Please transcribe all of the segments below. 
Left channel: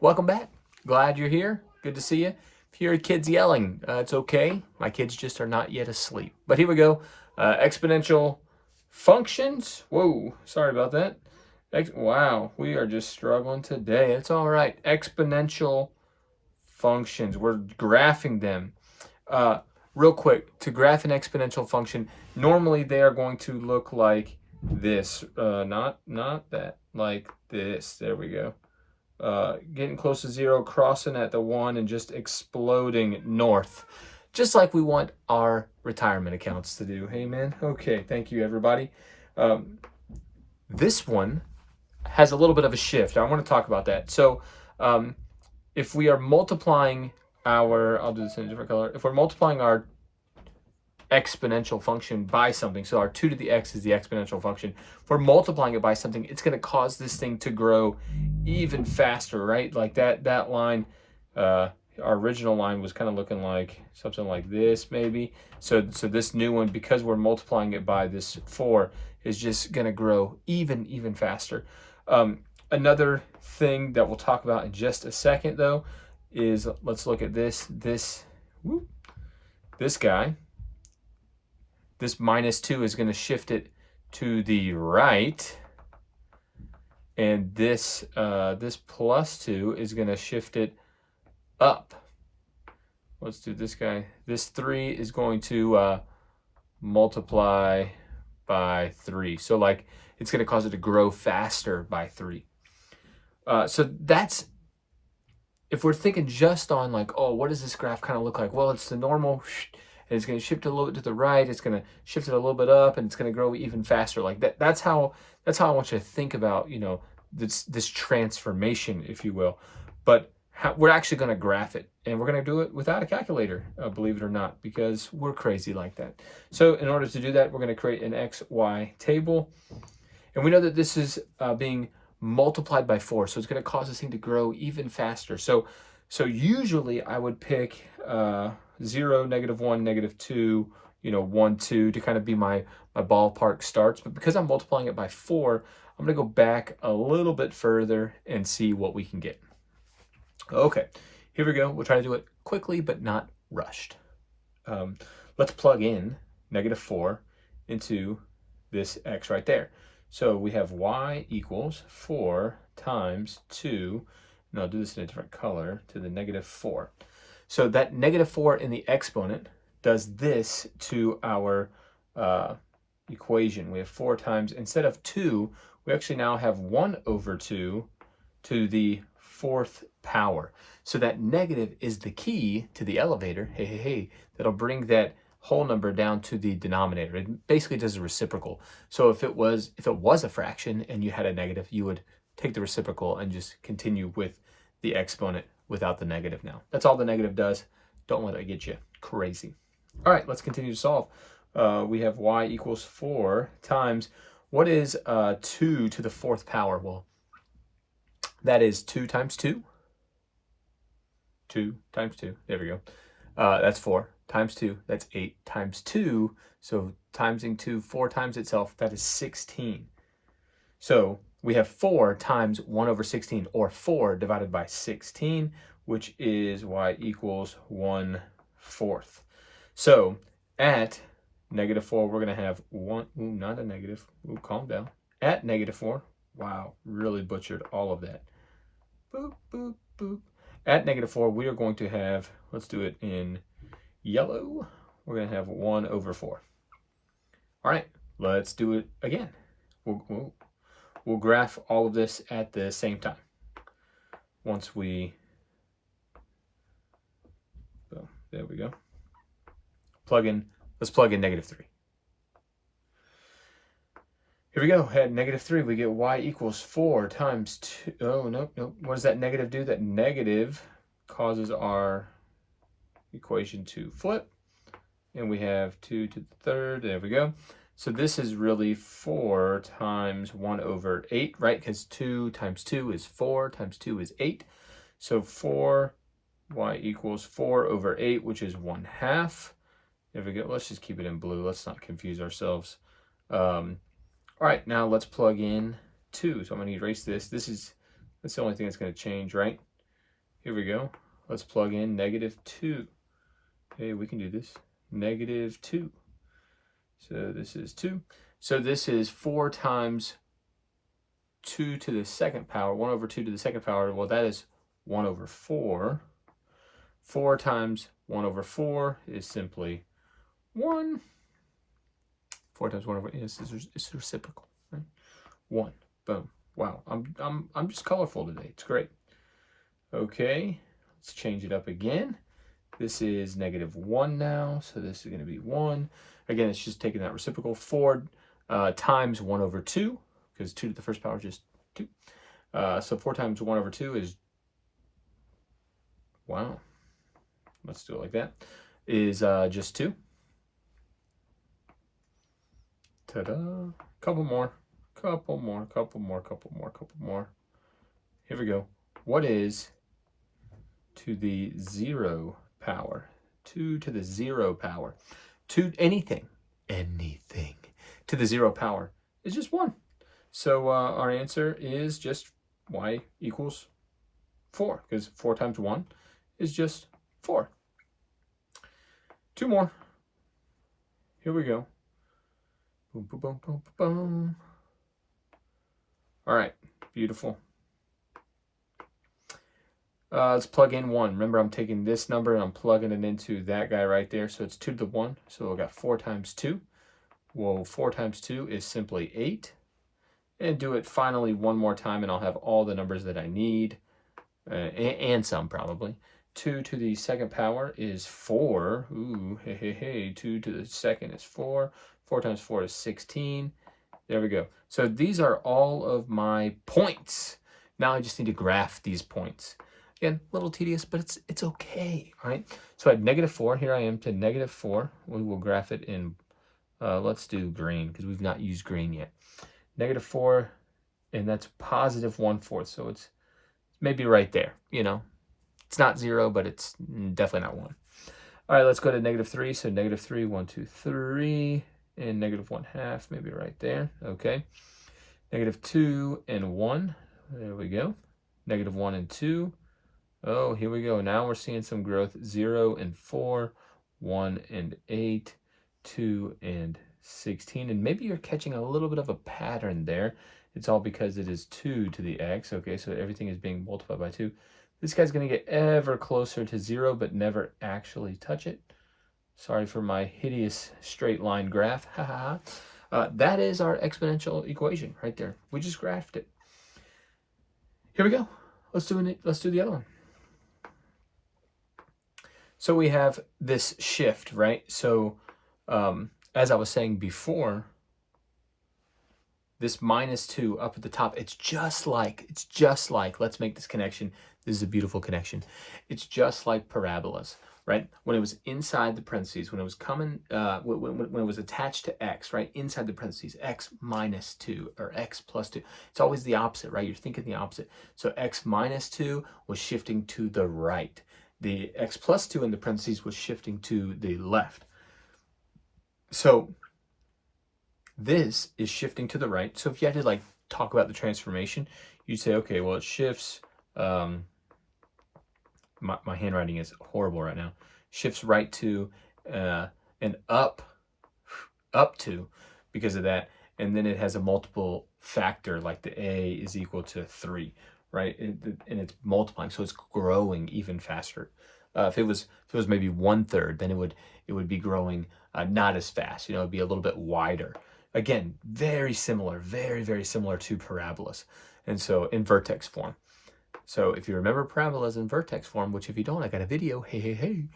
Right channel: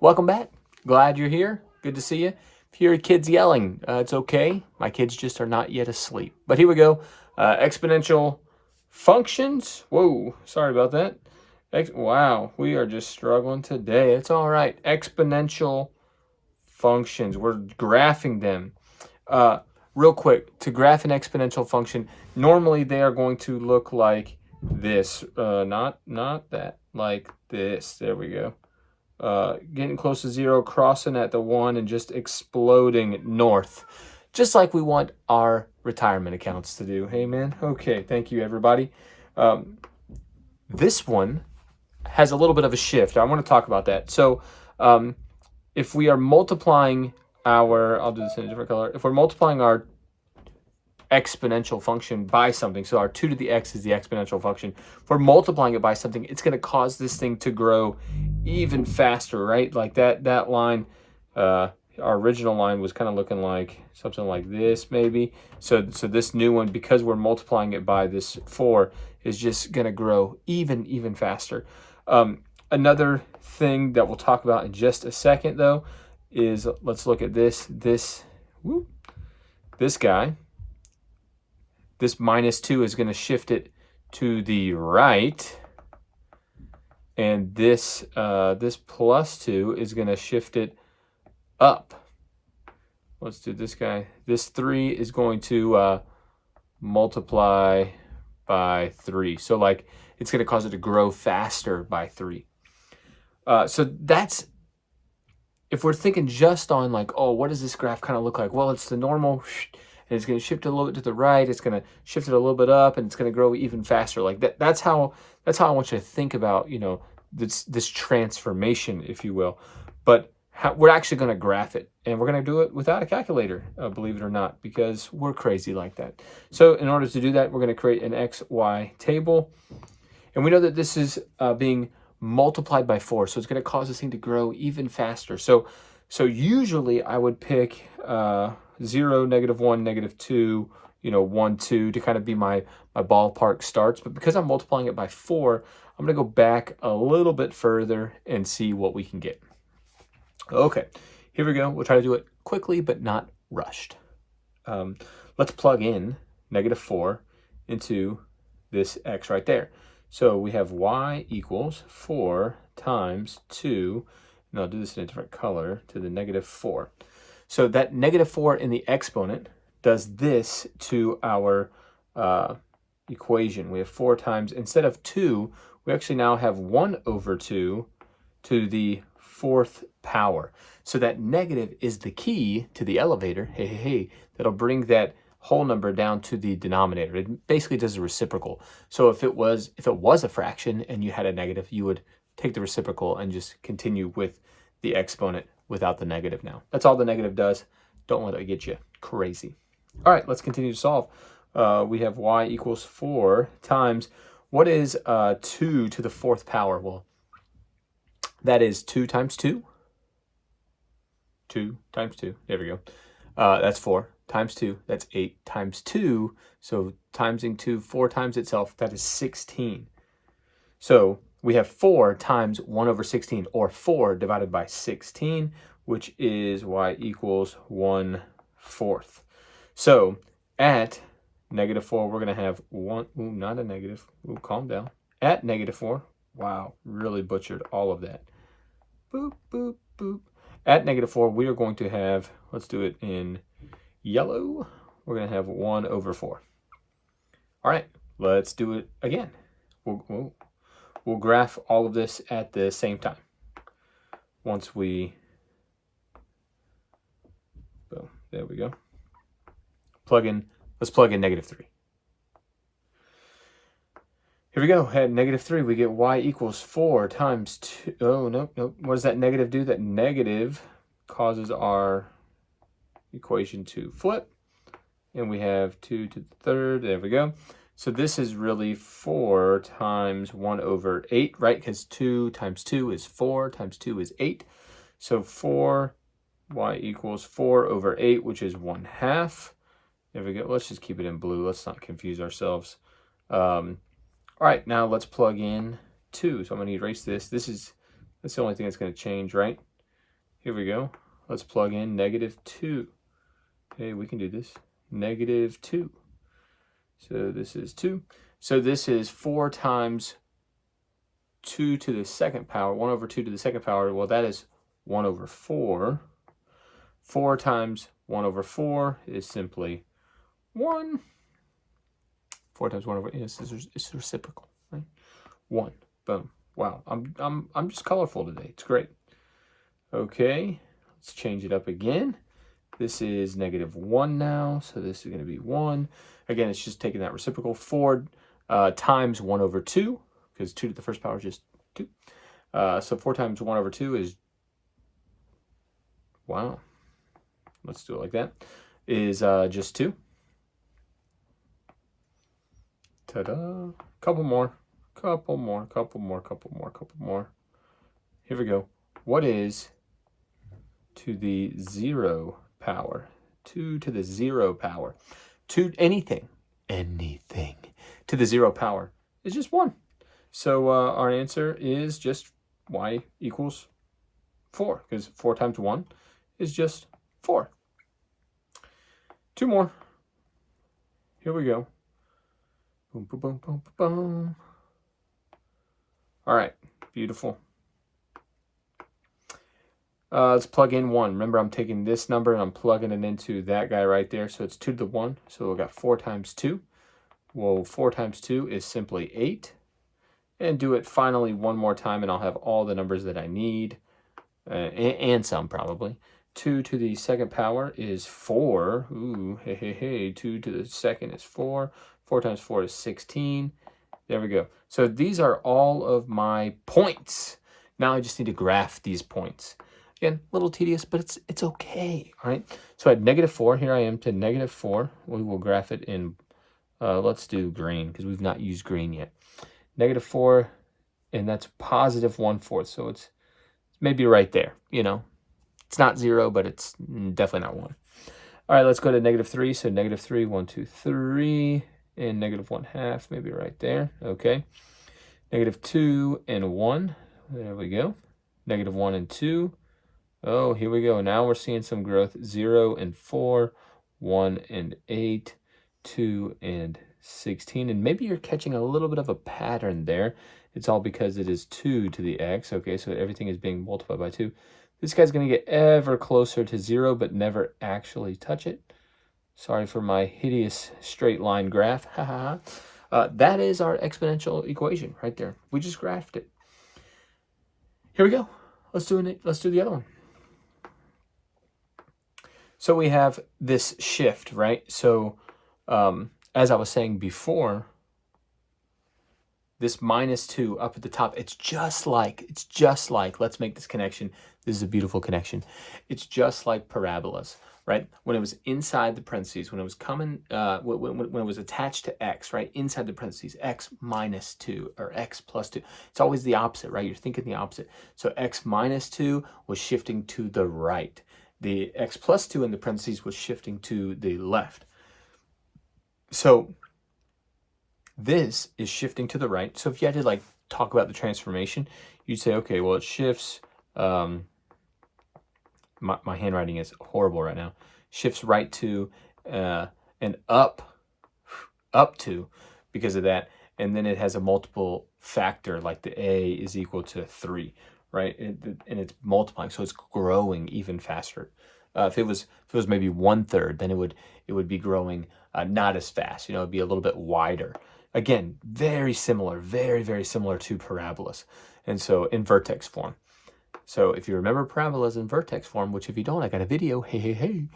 Welcome back. Glad you're here. Good to see you. If you hear kids yelling, it's okay. My kids just are not yet asleep. But here we go. Exponential functions. Whoa, sorry about that. Wow, we are just struggling today. It's all right. Exponential functions. We're graphing them. Uh, Real quick, to graph an exponential function, normally they are going to look like this. Not that. Like this. There we go. Getting close to zero, crossing at the 1, and just exploding north. Just like we want our retirement accounts to do. Hey, man. Okay, thank you, everybody. This one has a little bit of a shift. I want to talk about that. So if we are multiplying I'll do this in a different color. If we're multiplying our exponential function by something, so our 2 to the x is the exponential function. If we're multiplying it by something, it's going to cause this thing to grow even faster, right? Like that line, our original line was kind of looking like something like this, maybe. So this new one, because we're multiplying it by this 4, is just going to grow even faster. Another thing that we'll talk about in just a second, though, is let's look at this guy. This -2 is going to shift it to the right, and this +2 is going to shift it up. Let's do this guy. This 3 is going to multiply by 3. So like it's going to cause it to grow faster by 3. So that's, if we're thinking just on like, oh, what does this graph kind of look like? Well, it's the normal, and it's going to shift it a little bit to the right. It's going to shift it a little bit up, and it's going to grow even faster. Like that. That's how I want you to think about, this transformation, if you will. But we're actually going to graph it, and we're going to do it without a calculator, believe it or not, because we're crazy like that. So in order to do that, we're going to create an XY table, and we know that this is being multiplied by 4, so it's going to cause this thing to grow even faster. So usually I would pick 0, -1, -2, 1, 2 to kind of be my ballpark starts. But because I'm multiplying it by 4, I'm going to go back a little bit further and see what we can get. Okay, here we go. We'll try to do it quickly but not rushed. Let's plug in -4 into this x right there. So we have y equals 4 times 2, and I'll do this in a different color, to the -4. So that -4 in the exponent does this to our equation. We have 4 times, instead of 2, we actually now have 1/2 to the 4th power. So that negative is the key to the elevator, hey, that'll bring that whole number down to the denominator. It basically does a reciprocal. So if it was a fraction and you had a negative, you would take the reciprocal and just continue with the exponent without the negative now. That's all the negative does. Don't let it get you crazy. All right, let's continue to solve. We have y equals 4 times, what is 2 to the 4th power? Well, that is 2 times 2. 2 times 2. There we go. That's 4 times 2. That's 8 times 2. So timesing 2 4 times itself, that is 16. So we have 4 times 1/16, or 4 divided by 16, which is y equals 1/4. So at -4, we're going to have 1. Ooh, not a negative. Ooh, calm down. At -4, wow, really butchered all of that. Boop, boop, boop. At -4, we are going to have, let's do it in yellow, we're going to have 1/4. All right, let's do it again. We'll graph all of this at the same time. Once we, so there we go. Let's plug in -3. Here we go. At -3, we get y equals 4 times 2. Oh, nope. What does that negative do? That negative causes our equation to flip, and we have 2 to the 3rd. There we go. So this is really 4 times 1/8, right? Because 2 times 2 is 4, times 2 is 8. So 4, y equals 4/8, which is 1/2. There we go. Let's just keep it in blue. Let's not confuse ourselves. All right, now let's plug in 2. So I'm going to erase this. That's the only thing that's going to change, right? Here we go. Let's plug in -2. Hey, we can do this. -2. So this is 2. So this is 4 times 2 to the second power, 1 over 2 to the second power. Well, that is 1 over 4. 4 times 1 over 4 is simply 1. 4 times 1 over, it's reciprocal, right? 1. Boom. Wow. I'm just colorful today. It's great. Okay. Let's change it up again. This is -1 now, so this is going to be 1. Again, it's just taking that reciprocal. 4 times 1 over 2, because 2 to the first power is just 2. So 4 times 1 over 2 is, wow, let's do it like that, is just 2. Ta-da. Couple more. Here we go. What is 2 to the 0 power? 2 to the 0 power. To anything to the 0 power is just 1. So our answer is just y equals 4, because 4 times 1 is just 4. 2 more. Here we go. Boom, boom, boom, boom, boom. All right, beautiful. Let's plug in 1. Remember, I'm taking this number and I'm plugging it into that guy right there. So it's 2 to the 1. So we've got 4 times 2. Well, 4 times 2 is simply 8. And do it finally one more time, and I'll have all the numbers that I need, and some probably. 2 to the second power is 4. Ooh, hey, hey, hey. 2 to the second is 4. 4 times 4 is 16. There we go. So these are all of my points. Now I just need to graph these points. Again, a little tedious, but it's okay, all right? So at -4, here I am to -4. We will graph it in, let's do green, because we've not used green yet. -4, and that's +1/4, so it's maybe right there, you know? It's not 0, but it's definitely not 1. All right, let's go to -3. So -3, 1, 2, 3, and -1/2, maybe right there. Okay. -2 and 1. There we go. -1 and 2. Oh, here we go. Now we're seeing some growth. 0 and 4, 1 and 8, 2 and 16. And maybe you're catching a little bit of a pattern there. It's all because it is 2 to the x. Okay, so everything is being multiplied by 2. This guy's going to get ever closer to 0, but never actually touch it. Sorry for my hideous straight line graph. That is our exponential equation right there. We just graphed it. Here we go. Let's do the other one. So we have this shift, right? So as I was saying before, this -2 up at the top, it's just like, let's make this connection. This is a beautiful connection. It's just like parabolas, right? When it was inside the parentheses, when it was coming, when it was attached to x, right? Inside the parentheses, x -2 or x +2. It's always the opposite, right? You're thinking the opposite. So x -2 was shifting to the right. The x +2 in the parentheses was shifting to the left. So this is shifting to the right. So if you had to like talk about the transformation, you'd say, okay, well, it shifts, my handwriting is horrible right now, shifts right to and up to because of that. And then it has a multiple factor, like the a is equal to 3, right? And it's multiplying, so it's growing even faster. If it was maybe 1/3, then it would be growing not as fast. You know, it'd be a little bit wider. Again, very similar, very, very similar to parabolas. And so in vertex form. So if you remember parabolas in vertex form, which if you don't, I got a video, hey,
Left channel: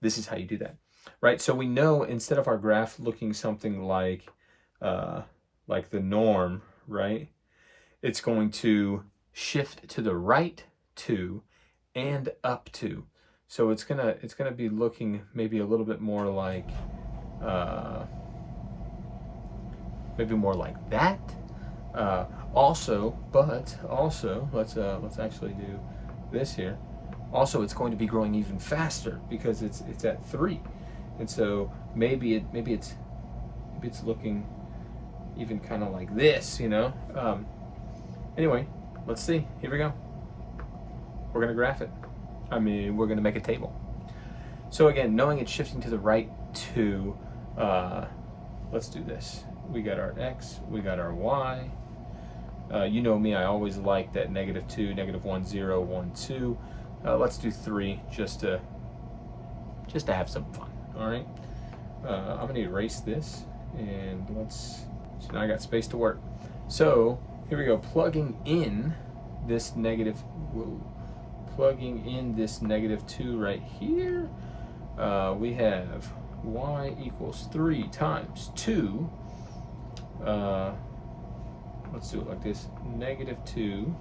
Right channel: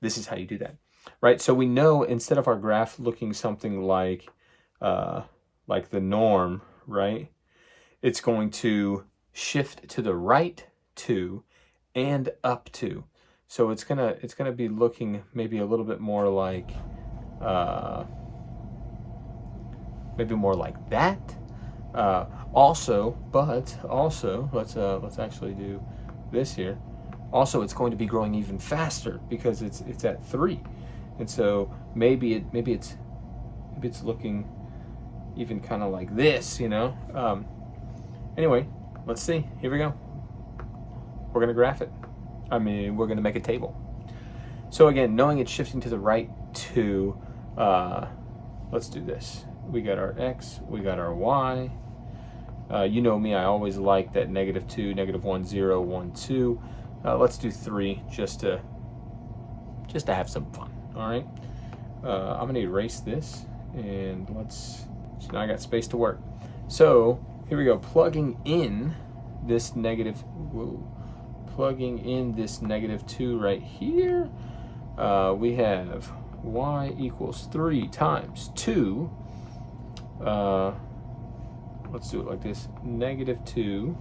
this is how you do that, right? So we know instead of our graph looking something like the norm, right? It's going to shift to the right to and up to. So it's gonna be looking maybe a little bit more like maybe more like that. Also, let's actually do this here. Also, it's going to be growing even faster because it's at 3, and so maybe it's looking even kind of like this, you know. Anyway, let's see. Here we go. we're going to graph it. I mean, we're going to make a table. So again, knowing it's shifting to the right 2, let's do this. We got our x, we got our y. You know me, I always like that -2, -1, 0, 1, 2. Let's do 3 just to have some fun. All right. I'm gonna erase this, and so now I got space to work. So here we go. Plugging in this -2 right here. We have y equals 3 times 2. Let's do it like this. -2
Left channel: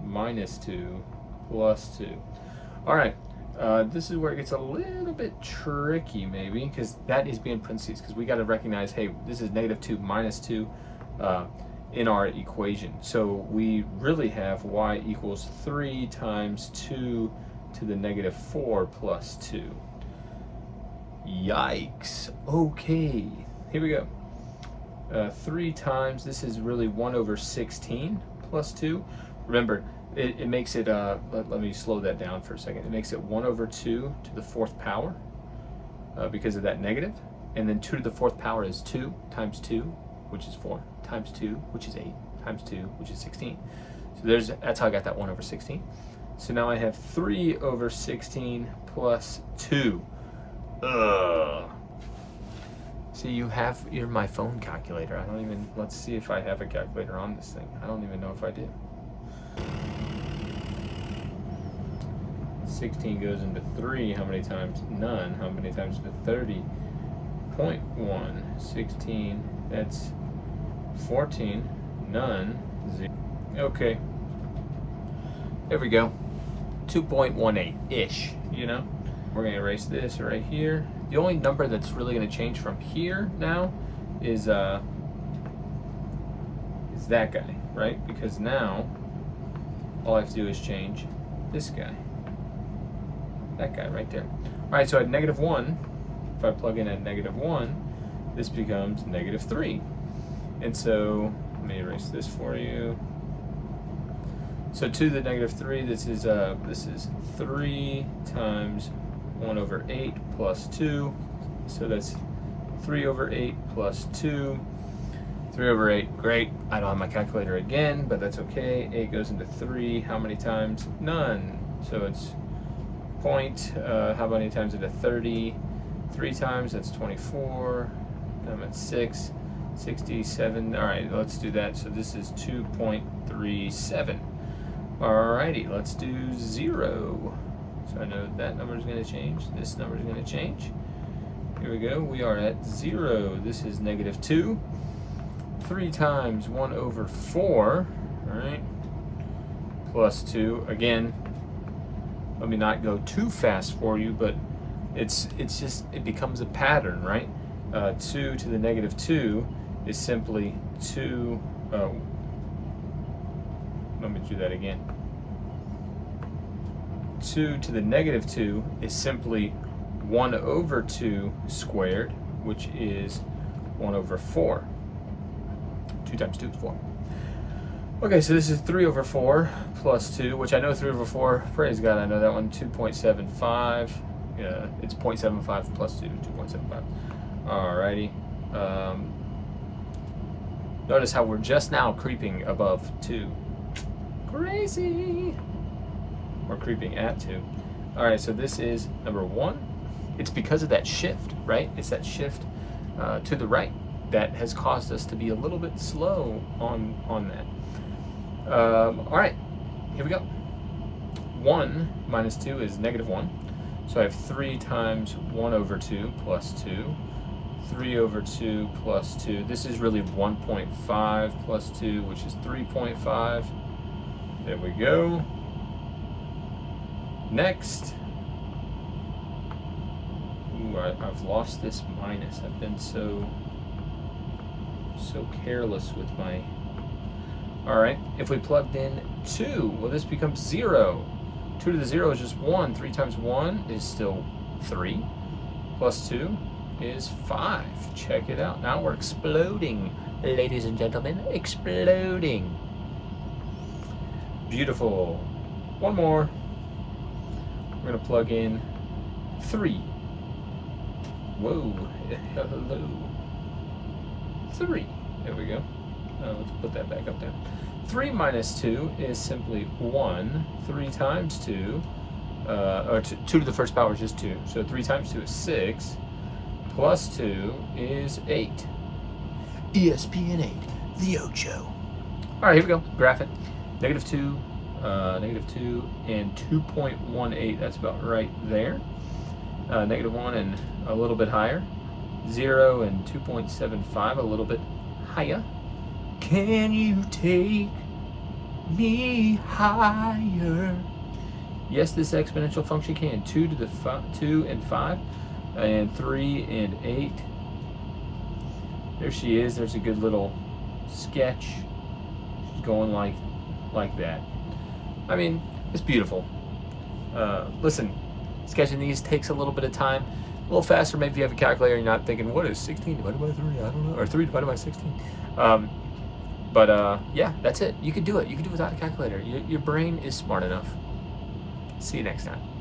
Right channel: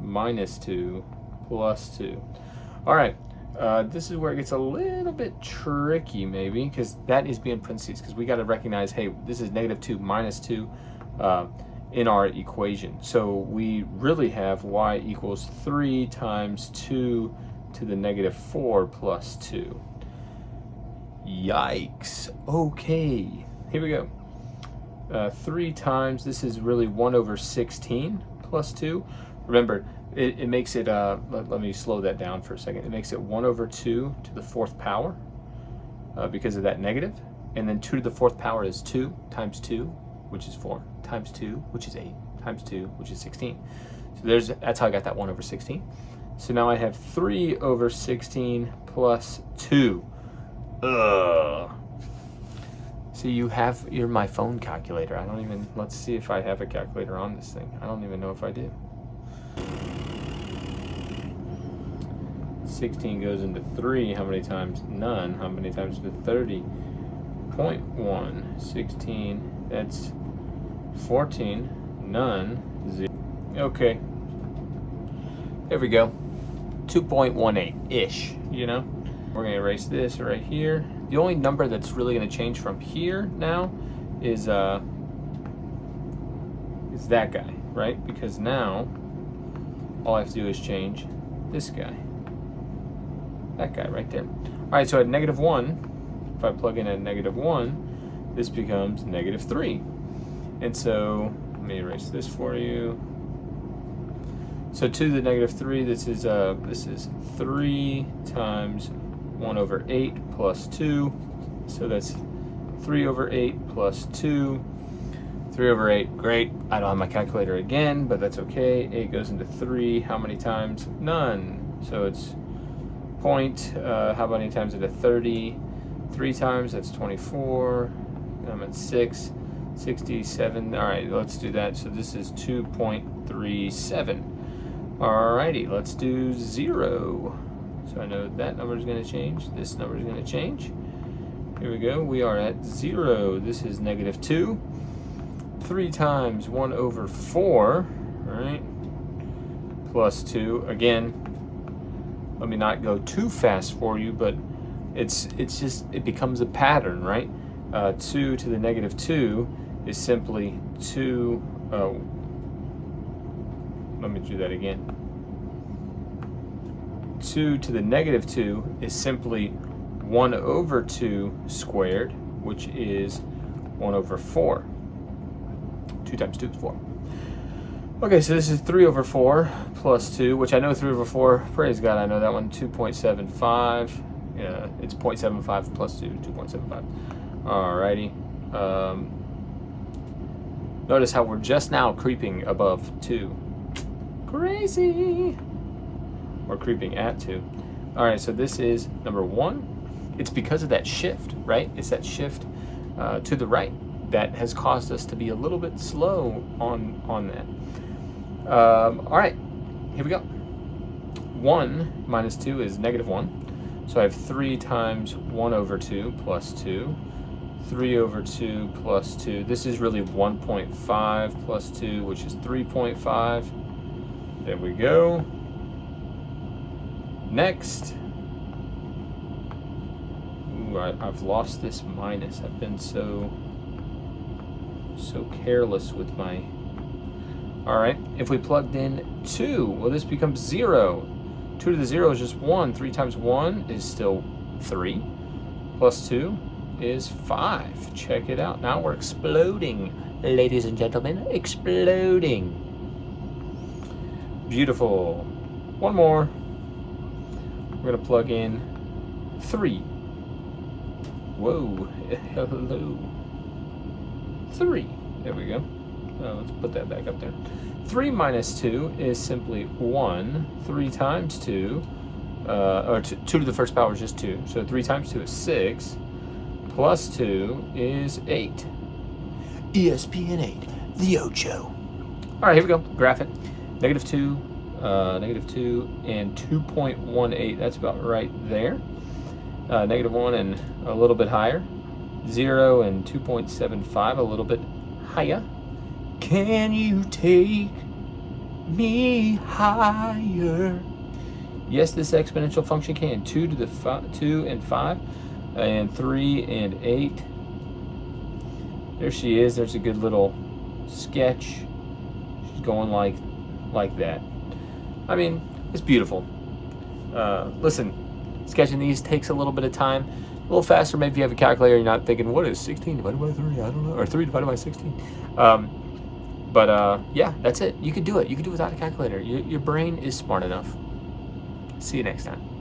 minus 2 plus 2. All right. This is where it gets a little bit tricky, maybe, because that is being parentheses, because we got to recognize, hey, this is -2 minus 2 in our equation. So we really have y equals 3 times 2 to the -4 plus 2. Yikes. Okay, here we go. 3 times, this is really 1/16 plus 2. Remember, it makes it, let me slow that down for a second. It makes it 1/2 to the 4th power because of that negative. And then 2 to the 4th power is 2 times 2, which is 4, times 2, which is 8, times 2, which is 16. So that's how I got that 1/16. So now I have 3/16 plus 2. Ugh. See, you're my phone calculator. Let's see if I have a calculator on this thing. I don't even know if I do. 16 goes into 3, how many times? None. How many times into 30? 0.1. 16, that's 14, none, 0. Okay. There we go. 2.18-ish, you know? We're gonna erase this right here. The only number that's really gonna change from here now is that guy, right? Because now, all I have to do is change this guy. That guy right there. All right, so at -1, if I plug in at -1, this becomes -3. And so, let me erase this for you. So to the -3, this is 3 times 1/8 plus 2. So that's 3/8 plus 2. 3/8, great. I don't have my calculator again, but that's okay. 8 goes into 3. How many times? None. So it's how many times into 30? 3 times, that's 24. And I'm at 6, 67. All right, let's do that. So this is 2.37. Alrighty, let's do 0. So I know that number is going to change. This number is going to change. Here we go. We are at 0. This is -2. 3 times 1/4. All right. Plus 2. Again, let me not go too fast for you, but it becomes a pattern, right? 2 to the -2 is simply 2. Let me do that again. 2 to the -2 is simply 1/2 squared, which is 1/4. 2 times 2 is 4. Okay, so this is 3/4 plus 2, which I know 3/4, praise God, I know that one, 2.75. Yeah, it's 0.75 plus 2, 2.75. Alrighty. Notice how we're just now creeping above 2. Crazy! We're creeping at 2. Alright, so this is number 1. It's because of that shift, right? It's that shift to the right that has caused us to be a little bit slow on that. Alright, here we go. 1 minus 2 is -1. So I have 3 times 1/2 plus 2. 3/2 plus 2. This is really 1.5 plus 2, which is 3.5. There we go. Next. Ooh, I've lost this minus. I've been so careless with my... All right, if we plugged in 2, well, this becomes 0. 2 to the 0 is just 1. 3 times 1 is still 3. Plus 2 is 5. Check it out. Now we're exploding, ladies and gentlemen. Exploding. Beautiful. one more. We're going to plug in 3. Whoa, hello. 3. There we go. Let's put that back up there. 3 minus 2 is simply 1. 3 times 2, or 2 to the first power is just 2. So 3 times 2 is 6. Plus 2 is 8. ESPN 8, the Ocho. All right, here we go. Graph it. -2, -2, and 2.18. That's about right there. -1 and a little bit higher. 0 and 2.75, a little bit higher. Can you take me higher? Yes, this exponential function can. 2 to the 2 and 5, and 3 and 8. There she is. There's a good little sketch. She's going like that. I mean, it's beautiful. Listen, sketching these takes a little bit of time. A little faster, maybe if you have a calculator, you're not thinking, what is 16 divided by 3? I don't know. Or 3 divided by 16. Yeah, that's it. You can do it. You can do it without a calculator. Your brain is smart enough. See you next time.